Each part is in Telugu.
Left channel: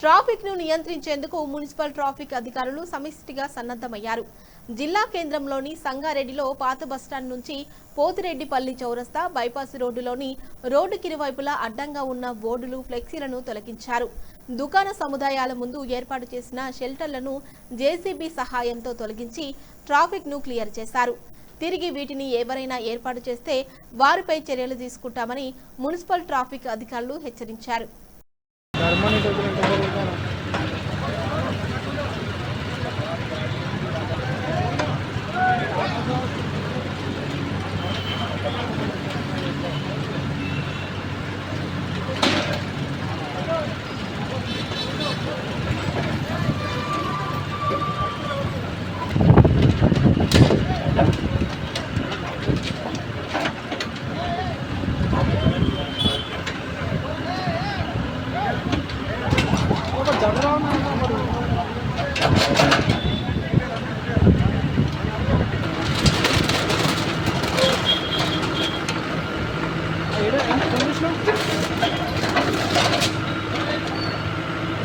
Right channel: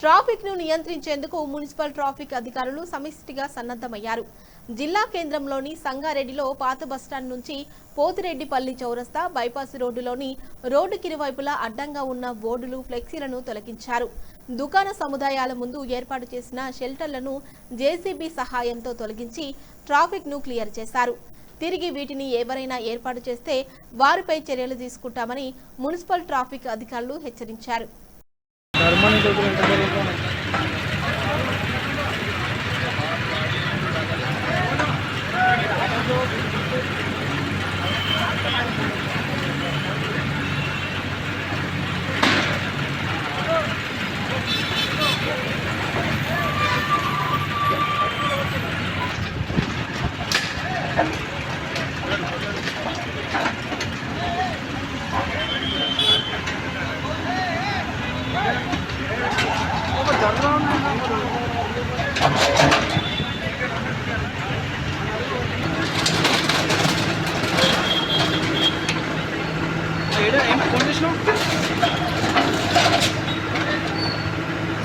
ట్రాఫిక్ ను నియంత్రించేందుకు మున్సిపల్ ట్రాఫిక్ అధికారులు సమిష్టిగా సన్నద్ధమయ్యారు. జిల్లా కేంద్రంలోని సంగారెడ్డిలో పాత బస్టాండ్ నుంచి పోతిరెడ్డిపల్లి చౌరస్తా బైపాస్ రోడ్డులోని రోడ్డుకిరువైపులా అడ్డంగా ఉన్న బోర్డులు ఫ్లెక్సీలను తొలగించారు. దుకాణ సముదాయాల ముందు ఏర్పాటు చేసిన షెల్టర్లను జేసీబీ సహాయంతో తొలగించి ట్రాఫిక్ ను క్లియర్ చేశారు. తిరిగి వీటిని ఎవరైనా ఏర్పాటు చేస్తే వారిపై చర్యలు తీసుకుంటామని మున్సిపల్ ట్రాఫిక్ అధికారులు హెచ్చరించారు.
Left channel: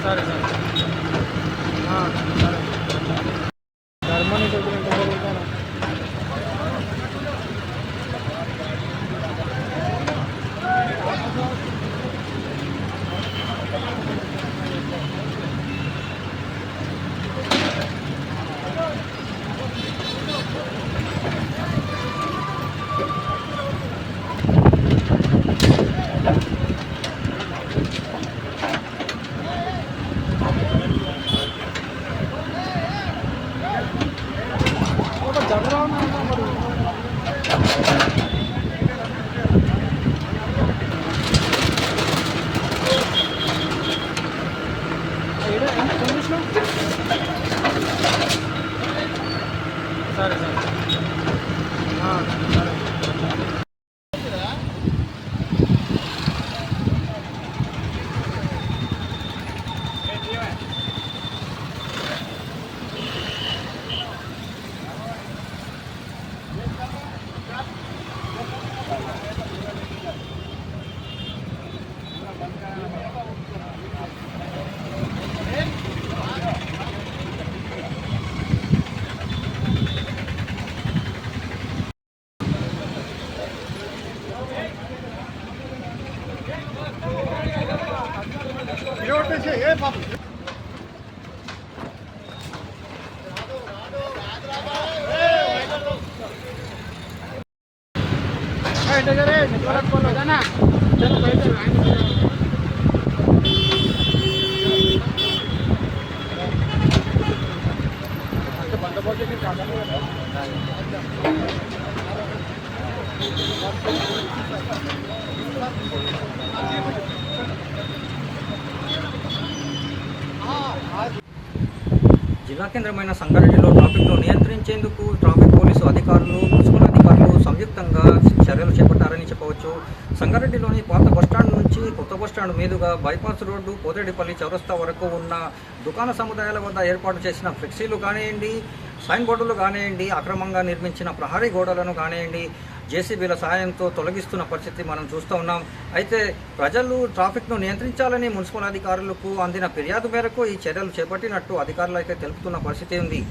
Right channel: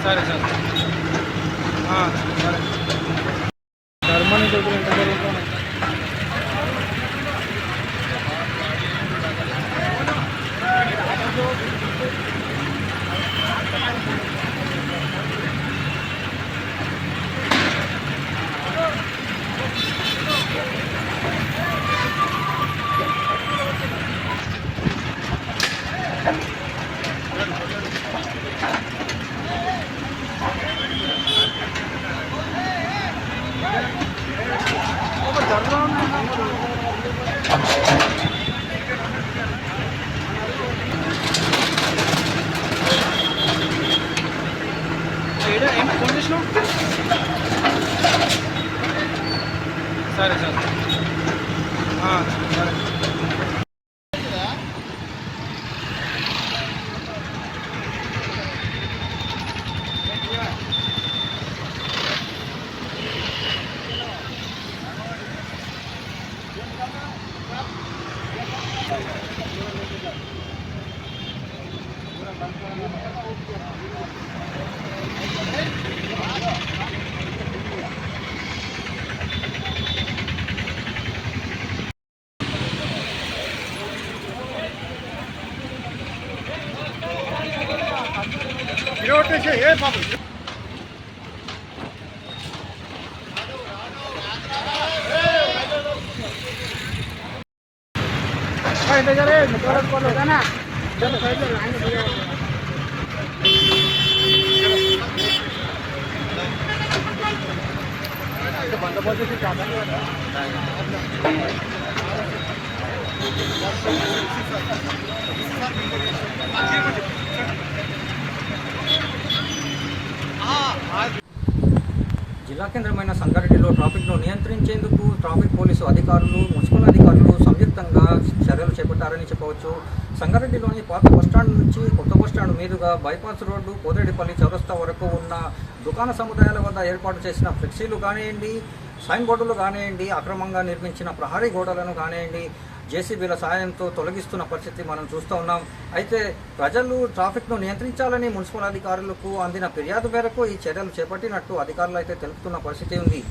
సరే సరే సరే సరే జిల్లా కేంద్రమైన సంగారెడ్డిలో ట్రాఫిక్ను నియంత్రించేందుకు ట్రాఫిక్ పోలీసు అధికారులు, మున్సిపల్ అధికారులు సంయుక్తంగా చర్యలు చేపట్టారని చెప్పవచ్చు. సంగారెడ్డిలోని పాత బస్టాండ్ నుంచి కొత్త బస్టాండ్ మీదుగా బైపాస్ రోడ్డు పోతిరెడ్డిపల్లి చౌరస్తా వరకు ఉన్న దుకాణ సముదాయాల వద్ద ఏర్పాటు చేసిన ఫ్లెక్సీలు కానివ్వండి, సైన్ బోర్డులు కానివ్వండి, అక్రమంగా నిర్మించిన ప్రహరీ గోడలను కానివ్వండి, జేసీబీల సహాయంతో తొలగిస్తున్న పరిస్థితి మనం చూస్తూ ఉన్నాం. అయితే ప్రజలు ట్రాఫిక్ను నియంత్రించాలని మున్సిపల్ అధికారులకు అందిన ఫిర్యాదు మేరకు ఈ చర్యలు చేపట్టినట్టు అధికారులు అయితే తెలుపుతున్న పరిస్థితి ఉంది.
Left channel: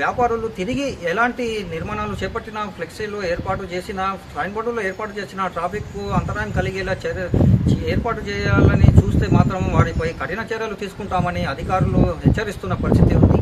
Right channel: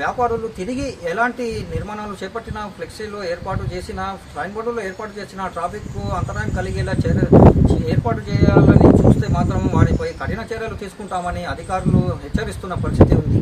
వ్యాపారులు తిరిగి ఎలాంటి నిర్మాణాలు చేపట్టిన, ఫ్లెక్సీలు ఏర్పాటు చేసిన, సైన్ బోర్డులు ఏర్పాటు చేసిన ట్రాఫిక్కు అంతరాయం కలిగేలా ఏర్పాటు చేయాలని చూస్తే మాత్రం వారిపై కఠిన చర్యలు తీసుకుంటామని అధికారులు హెచ్చరిస్తున్న పరిస్థితి ఉంది.